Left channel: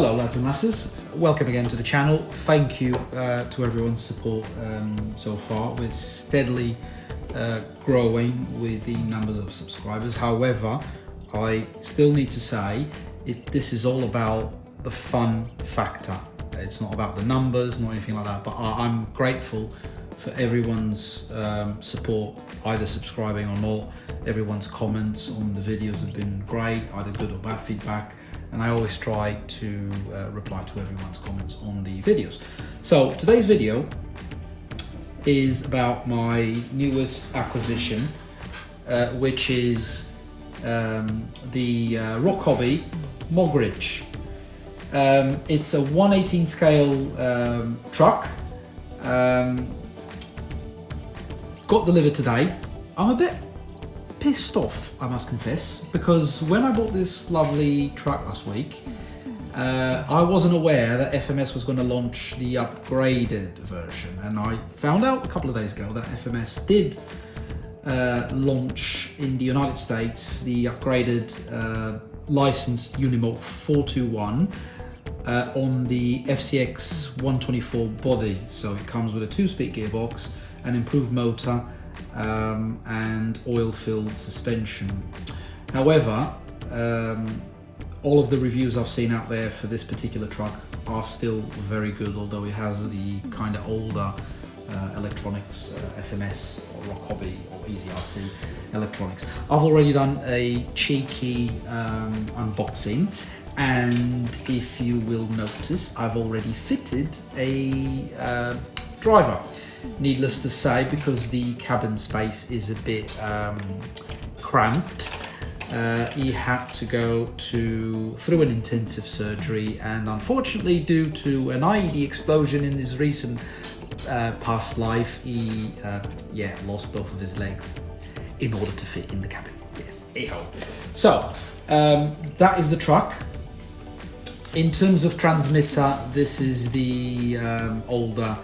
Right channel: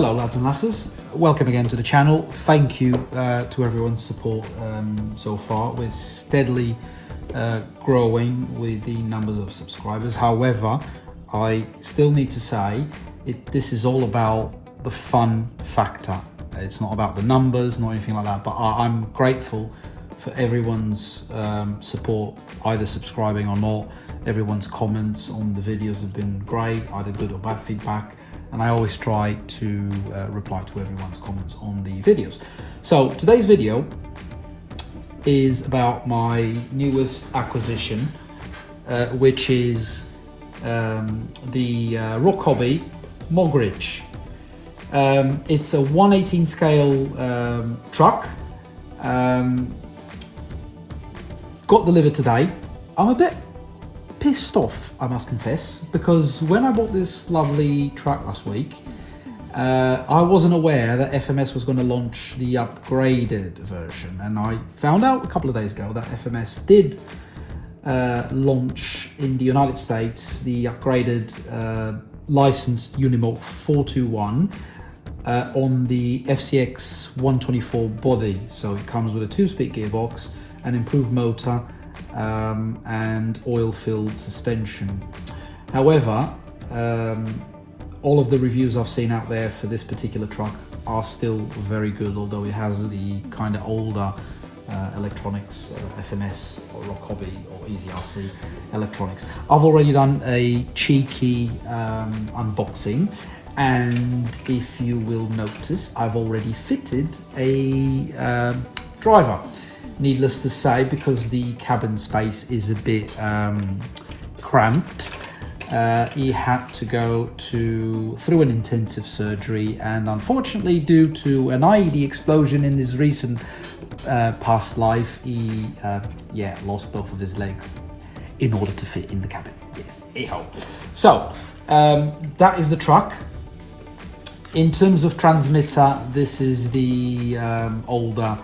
Hello lads and lasses, welcome again to the channel. Thank you to everyone's support so far. We're steadily growing with the numbers of subscribers. However, I still need to say this is all about the fun factor. It's not about the numbers, not anything like that, but I'm grateful for everyone's support, either subscribing or not. Everyone's comments on the videos have been great, either good or bad feedback. And I always try to reply to everyone's comments on the videos. So today's video is about my newest acquisition, which is the RocHobby Mogrich. It's a 1/18 scale truck. Got delivered today. I'm a bit pissed off, I must confess, because when I bought this lovely truck last week, I wasn't aware that FMS was going to launch the upgraded version, and I found out a couple of days ago that FMS did launch in the United States the upgraded licensed Unimog 421 on the FCX 124 body. So it comes with a 2-speed gearbox, an improved motor, and oil-filled suspension. However, all of the reviews I've seen out there for this particular truck are still very good, although it has the kind of older electronics, FMS or RocHobby or EasyRC electronics. I've already done a cheeky unboxing, and if you will notice, I've already fitted a driver. Needless to say, because the cabin space is a bit cramped, he had to go through an intensive surgery, and unfortunately, due to an IED explosion in his recent past life, he lost both of his legs in order to fit in the cabin. Yes, so that is the truck. In terms of transmitter, this is the older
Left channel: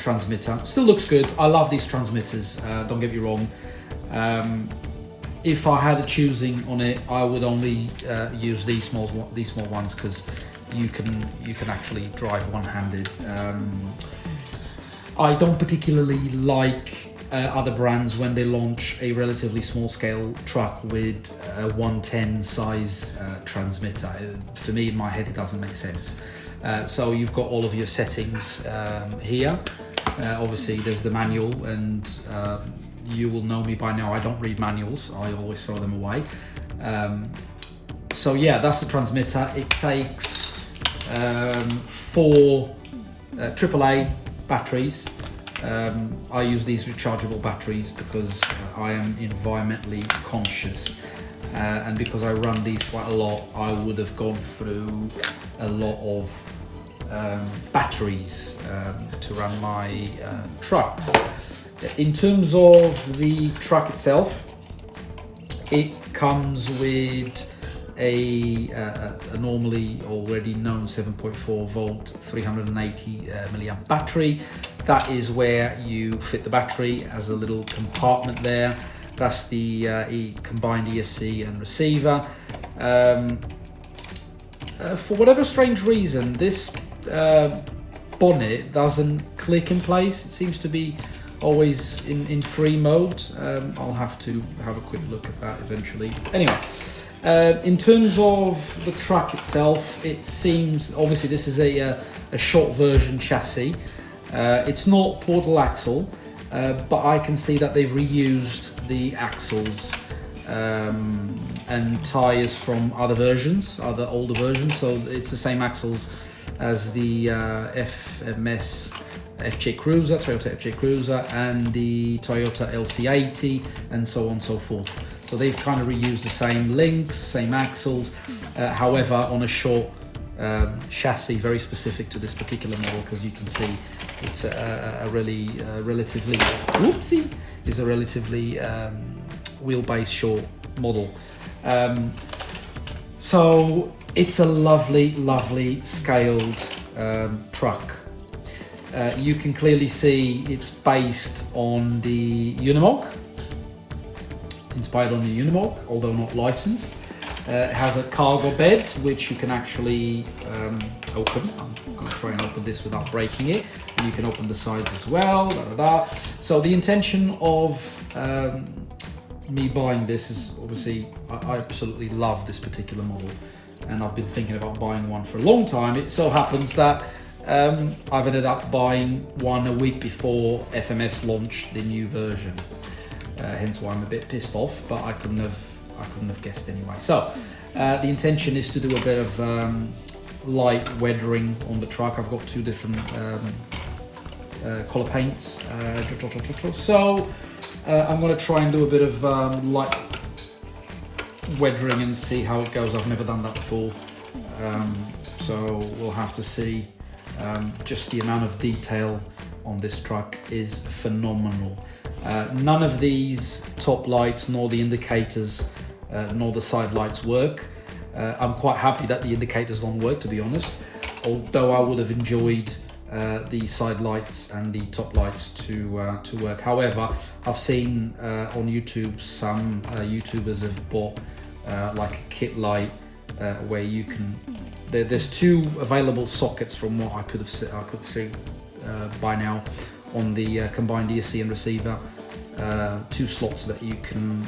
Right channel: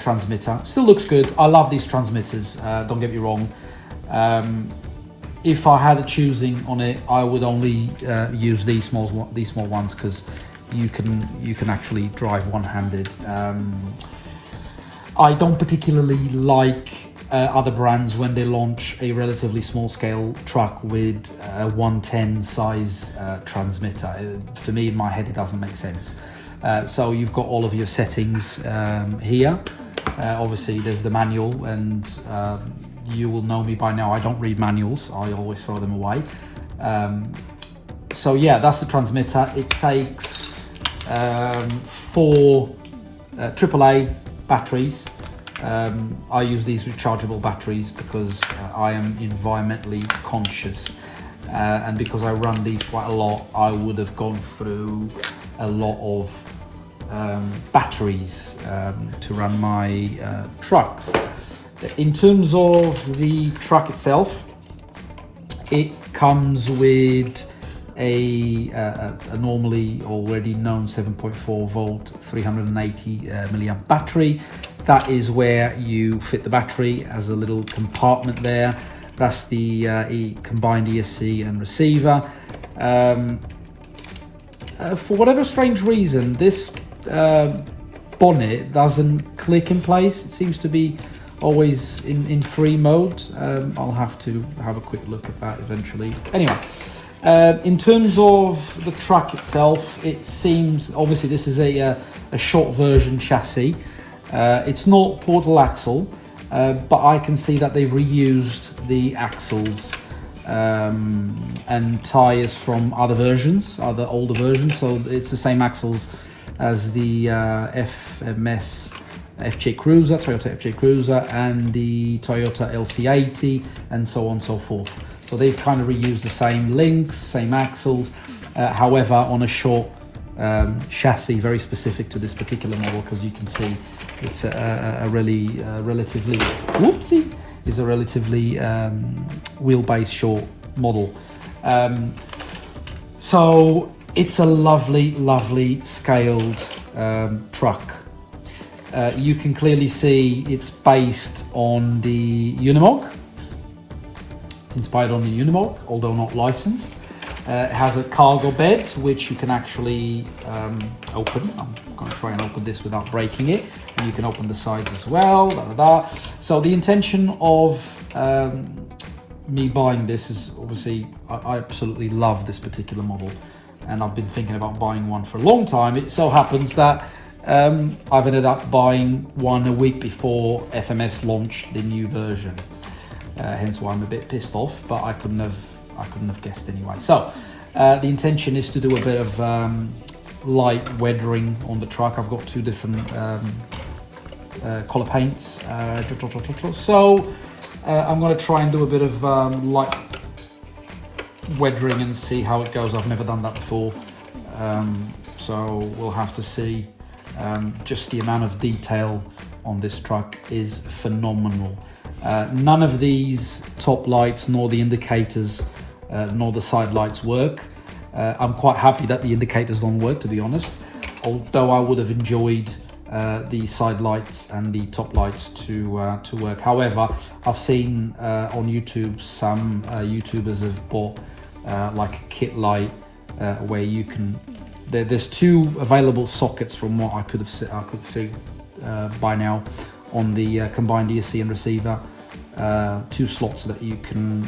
transmitter. Still looks good. I love these transmitters, don't get me wrong. If I had a choosing on it, I would only use these small ones, because you can actually drive one-handed. I don't particularly like other brands when they launch a relatively small scale truck with a 110 size transmitter. For me, in my head, it doesn't make sense. So you've got all of your settings here. Obviously there's the manual, and you will know me by now, I don't read manuals, I always throw them away. So yeah, that's the transmitter. It takes 4 AAA batteries. I use these rechargeable batteries because I am environmentally conscious, and because I run these quite a lot, I would have gone through a lot of batteries to run my trucks. In terms of the truck itself, it comes with a normally already known 7.4 volt 380 milliamp battery. That is where you fit the battery as a little compartment there. That's the combined ESC and receiver. For whatever strange reason, this bonnet doesn't click in place. It seems to be always in free mode. I'll have to have a quick look at that eventually. Anyway, in terms of the truck itself, it seems, obviously this is a short version chassis. It's not portal axle, but I can see that they've reused the axles and tires from other versions, other older versions. So it's the same axles as the FMS FJ Cruiser, Toyota FJ Cruiser, and the Toyota LC80, and so on and so forth. So they've kind of reused the same links, same axles, however on a short chassis, very specific to this particular model, because you can see it's a relatively wheelbase short model. So it's a lovely scaled truck. You can clearly see it's based on the Unimog, inspired on the Unimog, although not licensed. It has a cargo bed which you can actually open. I'm going to try and open this without breaking it. And you can open the sides as well. So the intention of me buying this is obviously I absolutely love this particular model, and I've been thinking about buying one for a long time. It so happens that I've ended up buying one a week before FMS launched the new version. Hence why I'm a bit pissed off, but I couldn't have guessed anyway. So the intention is to do a bit of light weathering on the truck. I've got two different color paints. So I'm going to try and do a bit of light weathering and see how it goes. I've never done that before, so we'll have to see. Just the amount of detail on this truck is phenomenal. None of these top lights, nor the indicators, nor the side lights work. I'm quite happy that the indicators don't work, to be honest, although I would have enjoyed the side lights and the top lights to work. However, I've seen on YouTube some YouTubers have bought like a kit light where you can. There's two available sockets from what I could see by now on the combined ESC and receiver. Two slots that you can,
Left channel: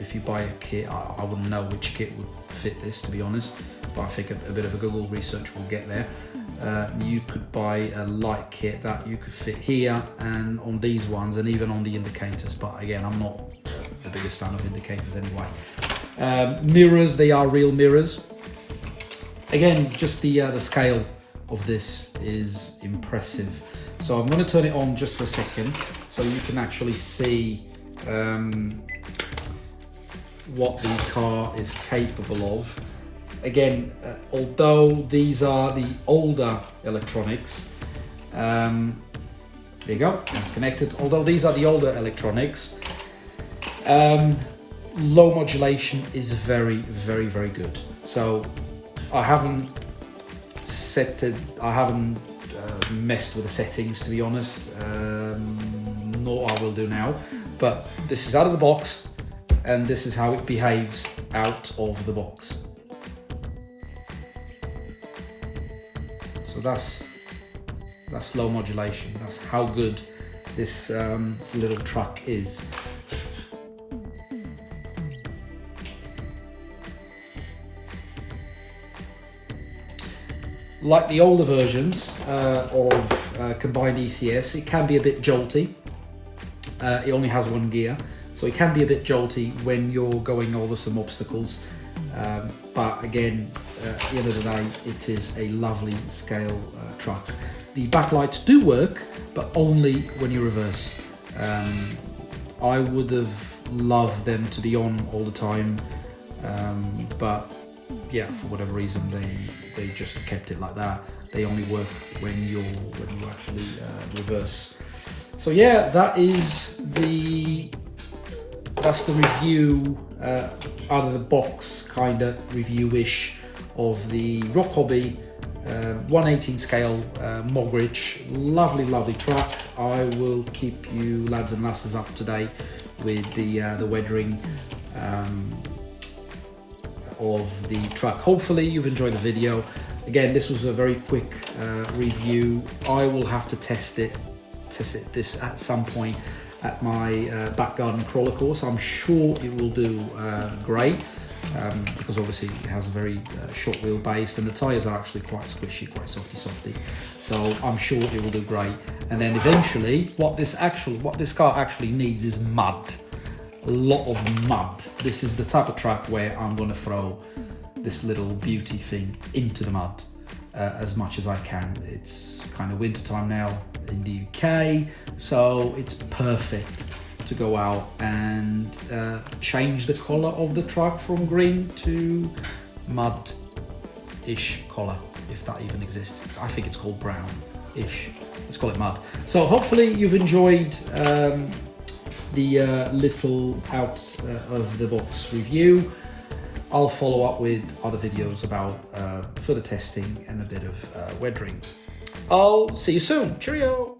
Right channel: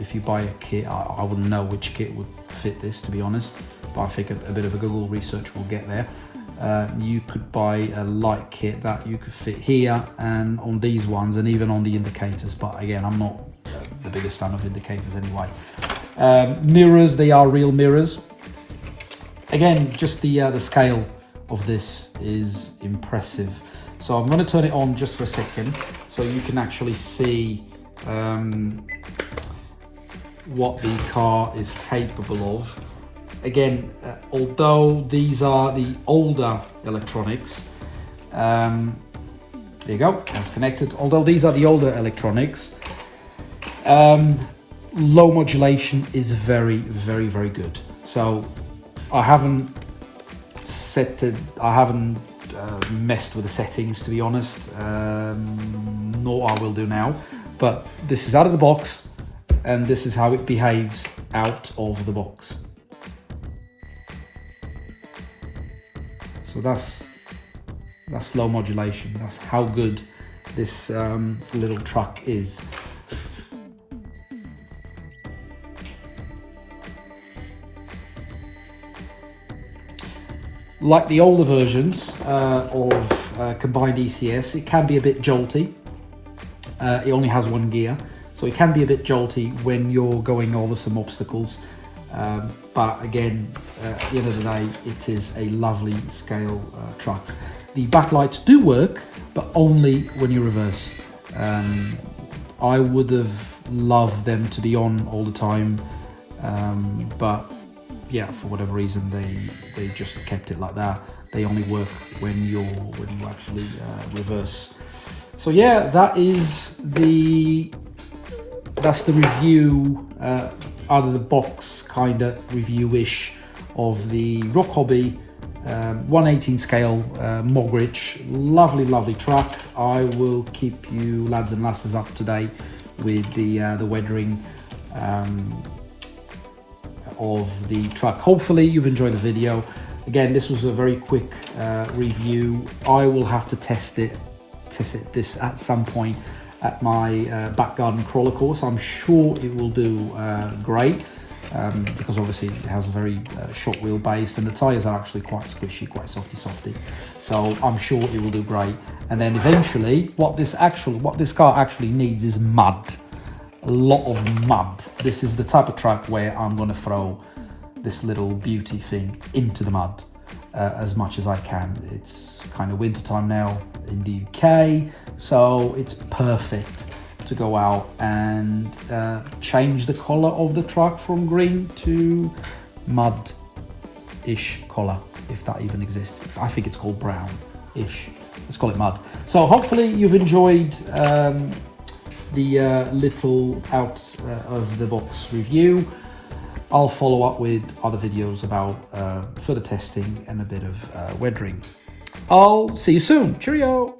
if you buy a kit, I wouldn't know which kit would fit this, to be honest, but I think a bit of a Google research will get there. You could buy a light kit that you could fit here and on these ones, and even on the indicators, but again, I'm not the biggest fan of indicators anyway. Mirrors, they are real mirrors. Again, just the scale of this is impressive. So I'm going to turn it on just for a second so you can actually see what the car is capable of. Again, although these are the older electronics, there you go, it's connected. Although these are the older electronics, low modulation is very, very, very good. So I haven't set it, I haven't messed with the settings, to be honest, nor I will do now, but this is out of the box and this is how it behaves out of the box. So that's low modulation. That's how good this little truck is. Like the older versions of combined ECS, it can be a bit jolty. It only has one gear, so it can be a bit jolty when you're going over some obstacles. But again, at the end of the day, it is a lovely scale truck. The backlights do work, but only when you reverse. I would have loved them to be on all the time, but yeah, for whatever reason, they just kept it like that. They only work when you actually reverse. So yeah, that's the review, out of the box kind of review-ish of the RocHobby 118 scale Mogrich. Lovely truck. I will keep you lads and lasses up to date with the weathering of the truck. Hopefully you've enjoyed the video. Again, this was a very quick review. I will have to test this at some point at my back garden crawler course. I'm sure it will do great, because obviously it has a very short wheelbase and the tyres are actually quite squishy, quite softy. So I'm sure it will do great. And then eventually what this car actually needs is mud. A lot of mud. This is the type of truck where I'm going to throw this little beauty thing into the mud as much as I can. It's kind of winter time now in the UK, so it's perfect to go out and change the color of the truck from green to mud-ish color, if that even exists. I think it's called brown-ish. Let's call it mud. So hopefully you've enjoyed the little out of the box review. I'll follow up with other videos about further testing and a bit of weathering. I'll see you soon. Cheerio!